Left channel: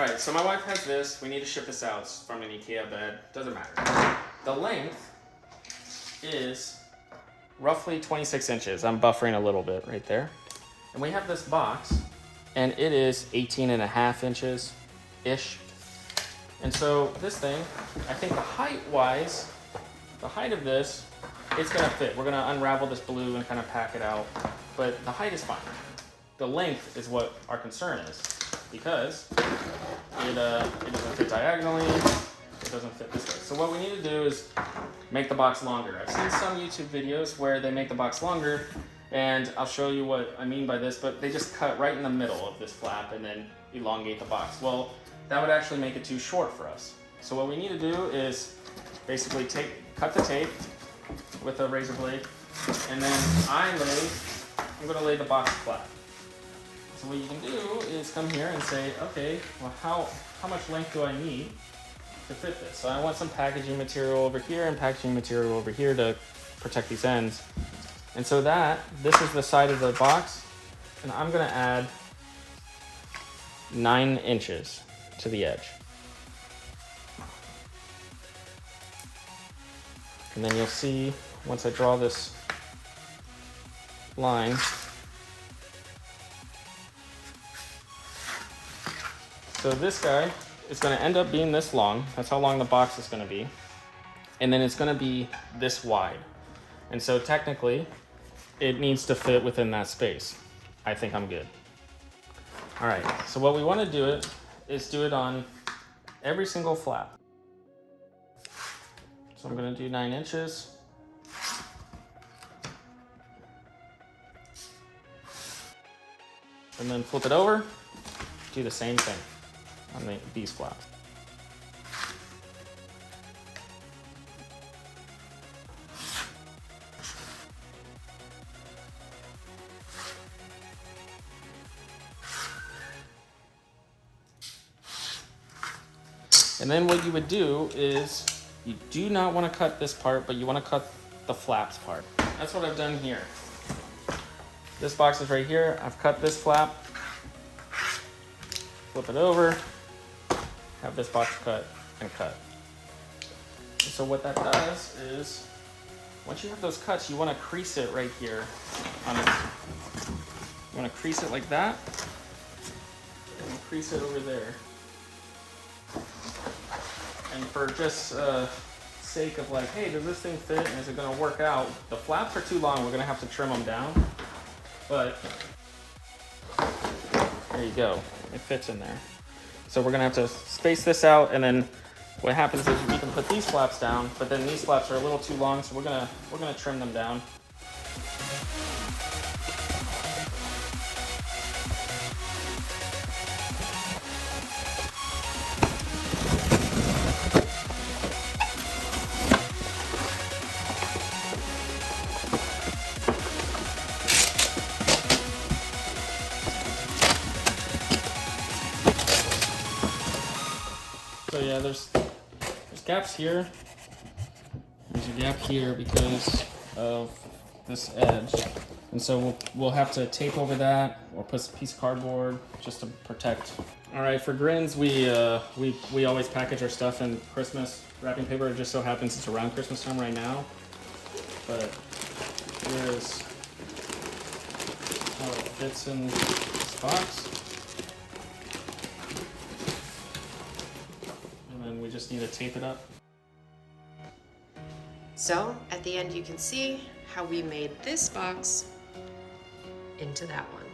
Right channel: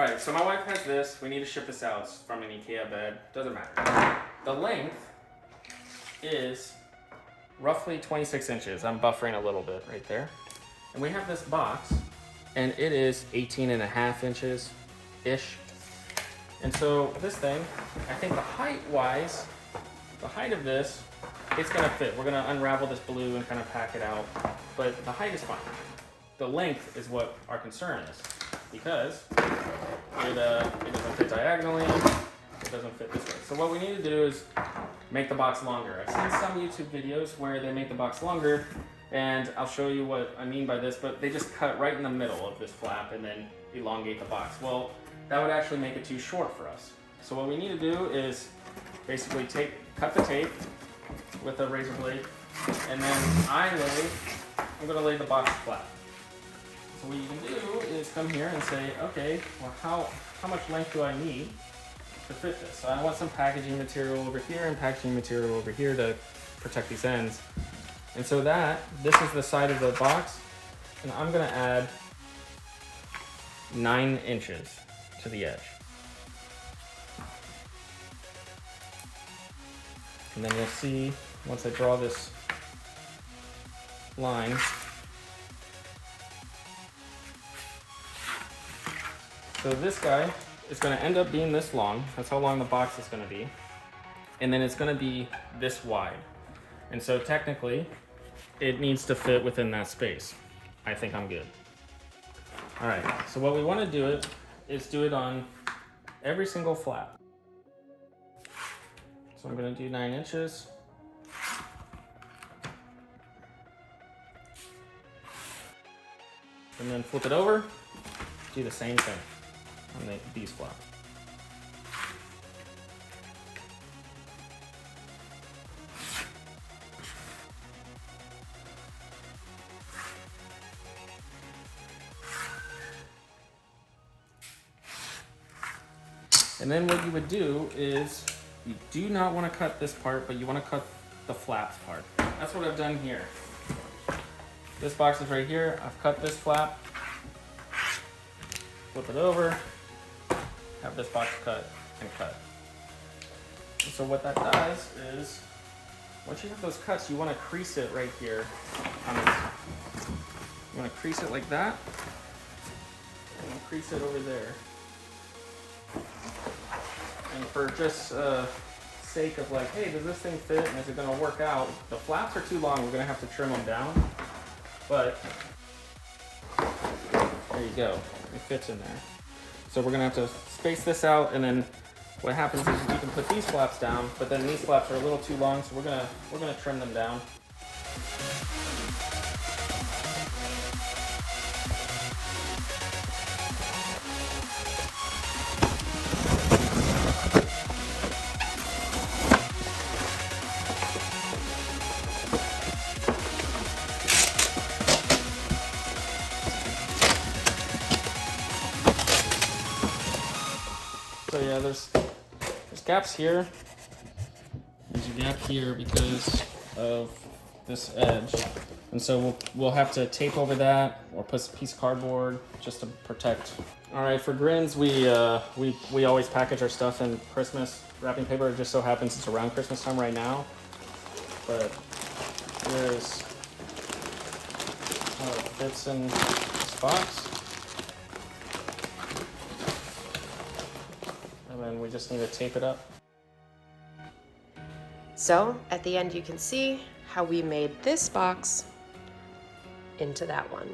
All right, so my wife has this. We need to ship this out. It's from an IKEA bed. Doesn't matter. The length is roughly 26 inches. I'm buffering a little bit right there. And we have this box, and it is 18.5 inches-ish. And so this thing, I think the height-wise, the height of this, it's gonna fit. We're gonna unravel this blue and kind of pack it out, but the height is fine. The length is what our concern is, because it doesn't fit diagonally, it doesn't fit this way. So what we need to do is make the box longer. I've seen some YouTube videos where they make the box longer, and I'll show you what I mean by this, but they just cut right in the middle of this flap and then elongate the box. Well, that would actually make it too short for us. So what we need to do is basically cut the tape with a razor blade, and then I'm gonna lay the box flat. So what you can do is come here and say, okay, well how much length do I need to fit this? So I want some packaging material over here and packaging material over here to protect these ends. And so this is the side of the box, and I'm gonna add 9 inches to the edge. And then you'll see, once I draw this line, so this guy is going to end up being this long. That's how long the box is going to be. And then it's going to be this wide. And so technically, it needs to fit within that space. I think I'm good. All right, so what we want to do is do it on every single flap. So I'm going to do 9 inches. And then flip it over, do the same thing on these flaps. And then what you would do is, you do not want to cut this part, but you want to cut the flaps part. That's what I've done here. This box is right here. I've cut this flap, flip it over, have this box cut and cut. So what that does is, once you have those cuts, you want to crease it right here on this. You want to crease it like that, and crease it over there. And for just sake of like, hey, does this thing fit and is it going to work out? The flaps are too long, we're going to have to trim them down. But there you go, it fits in there. So we're going to have to space this out, and then what happens is we can put these flaps down, but then these flaps are a little too long, so we're gonna trim them down. So yeah, there's gaps here. There's a gap here because of this edge. And so we'll have to tape over that or put a piece of cardboard just to protect. All right, for grins, we always package our stuff in Christmas wrapping paper. It just so happens it's around Christmas time right now. But here's how it fits in this box. And then we just need to tape it up. So at the end you can see how we made this box into that one.